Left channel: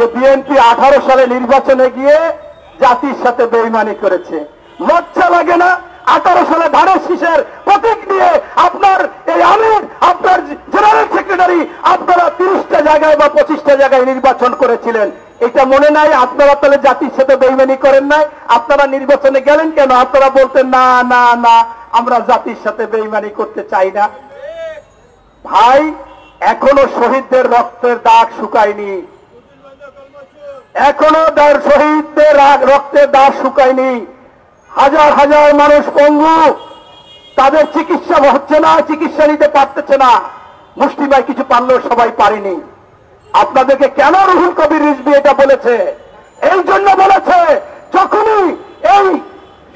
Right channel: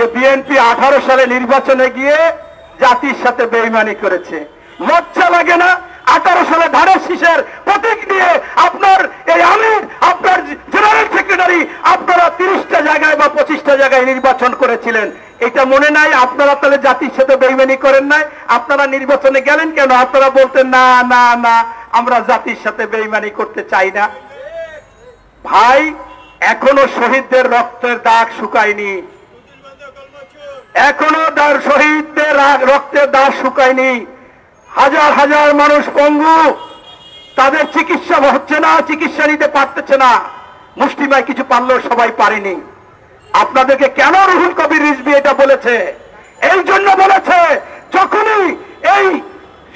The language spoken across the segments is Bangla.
যে বিএনপি 18 সালে নির্বাচনে গিয়ে জাতির সাথে বেইমানি করেছে। লজ্জা লাগে না? 18 সালে ধানের শীষের প্রতীক নিয়ে আপনার এই আমির, আপনার জেনারেল সেক্রেটারি, আপনারা 30টা জায়গায় বা 25টা জায়গায় নির্বাচন করেছিলেন। এটা মনে নাই? আপনারা তাহলে জাতির সাথে বেইমানি করেন নাই? আপনারা নির্বাচনে গেলেন কেন? আপনারা বলতেন না না না, আমরা জাতির সাথে বেইমানি করতে চাই না। ভাই, এখনো শহীদদের রক্তের দাগ শুকায়নি, এখনো শহীদদের রক্তের দাগ শুকায়নি। হাজার হাজার মানুষ পঙ্গু, তাদের চিকিৎসা হচ্ছে না, চিকিৎসা নিতে পারতেছে না। মুষ্টিমেয় কিছু পারলেও সবাই পারেনি। আপনাদেরকে কেন রুহুল কবির রিজভী এটা বলেছে? এই জন্য বলেছে, যখনই এই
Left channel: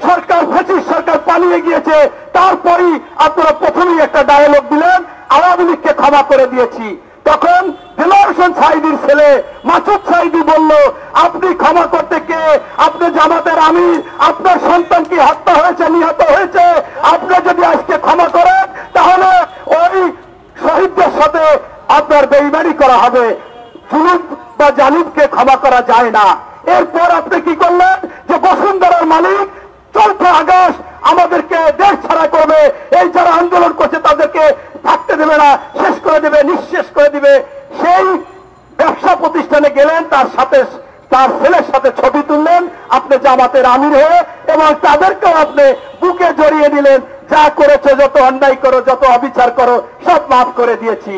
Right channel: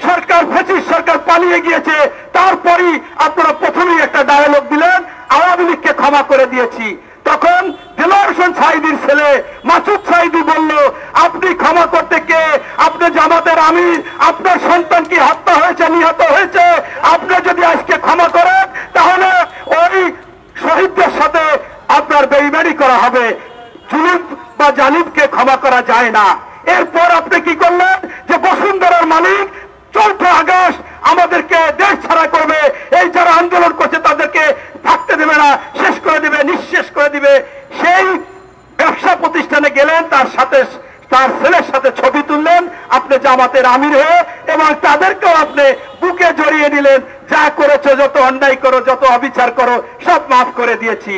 সরকার, ফ্যাসিস্ট সরকার পালিয়ে গিয়েছে, তারপরই আপনারা প্রথমেই একটা ডায়ালগ দিলেন, আওয়ামী লীগকে ক্ষমা করে দিয়েছি। তখন দেলোয়ার হোসেন সাঈদীর ছেলে মাসুদ সাঈদী বলল, আপনি ক্ষমা করতে কে? আপনি জামাতের আমির, আপনার সন্তান কি হত্যা হয়েছে, নিহত হয়েছে? আপনি যদি আজকে ক্ষমা করেন, তাহলে ওই শহীদদের সাথে আপনার বেইমানি করা হবে। জুলুম বা জালিমকে ক্ষমা করা যায় না। এরপর আপনি কি করলেন? যে বসুন্ধরার মালিক 4 আগস্ট আমাদেরকে দেশ ছাড়া করবে, এই যারা আন্দোলন করছে তাদেরকে থাকতে দেবে না, শেষ করে দেবে, নিঃশেষ করে দিবে। সেই ব্যবসা প্রতিষ্ঠানে গেলেন, তার সাথে তার ছেলের সাথে ছবি তুললেন আপনি জামাতের আমির হয়ে, এবং তাদেরকেও আপনি বুকে জড়িয়ে নিলেন। যা করেছো, যত অন্যায় করো, যত অবিচার করো, সব মাফ করে দিয়েছি।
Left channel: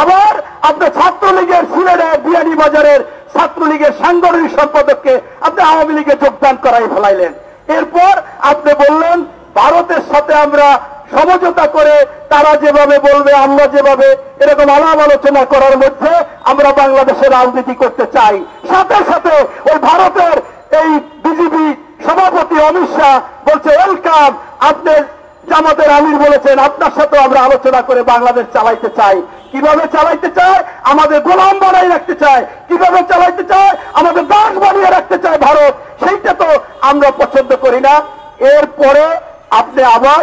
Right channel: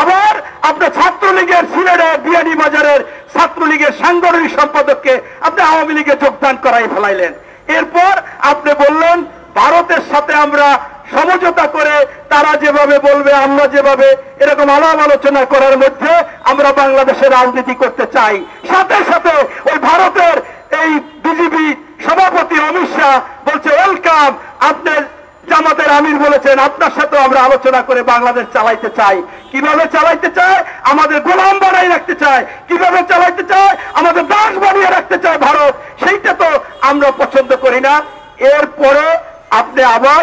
আবার আপনি ছাত্রলীগের সিলেটের বিয়ানীবাজারের ছাত্রলীগের সাংগঠনিক সম্পাদককে আপনি আওয়ামী লীগে যোগদান করাই ফেলাইলেন। এরপর আপনি বললেন ভারতের সাথে আমরা সমঝোতা করে, তারা যেভাবে বলবে আমরা যেভাবে, এরকম আলাপ আলোচনা করার মধ্যে আমরা বাংলাদেশের রাজনীতি করতে চাই। সাথে সাথে ওই ভারতের এই বিজেপি সভাপতি অমিত শাহ বলছে ওয়েলকাম, আপনি জামাতের আমির বলেছেন আপনার সাথে আমরা আলোচনা করে বাংলাদেশ চালাইতে চাই। কিভাবে চালাইতে চায়? আমাদের গোলাম বানাই রাখতে চায়। কিভাবে চালাইতে চায়? আমাদের দাস বানিয়ে রাখতে চায় ভারত। সেইটা তো আমরা পছন্দ করি না। এরপরে আপনি আবার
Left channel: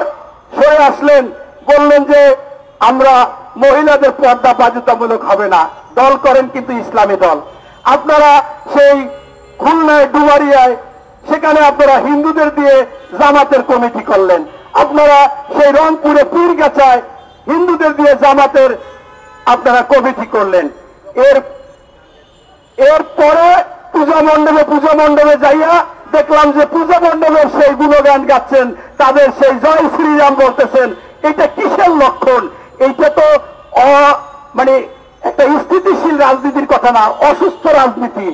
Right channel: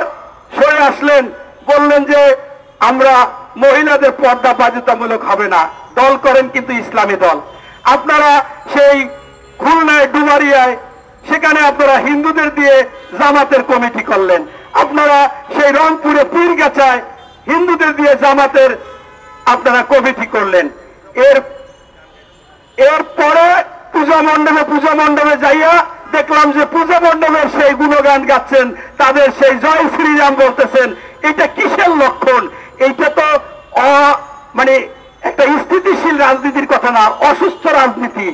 সরে আসলেন, বললেন যে আমরা মহিলাদের পর্দা বাধ্যতামূলক হবে না। দল করেন কিন্তু ইসলামী দল। আপনারা সেই খুলনায় ডুবারিয়ায়, সেখানে আপনারা হিন্দুদের দিয়ে জামাতের কমিটি করলেন। আপনারা সেই রংপুরে পীরগাছায় হিন্দুদের দিয়ে জামাতের আপনারা কমিটি করলেন। এরপরে পূজা মণ্ডপে যাইয়া দেখলাম যে পূজা মণ্ডপের সেই গুণগান গাচ্ছেন, তাদের সেই জয় শ্রীরাম বলতেছেন। এটা কিসের লক্ষণ? এইটা তো মানে একটা স্থিতিশীল রাজনীতির কথা না, অসুস্থ রাজনীতি।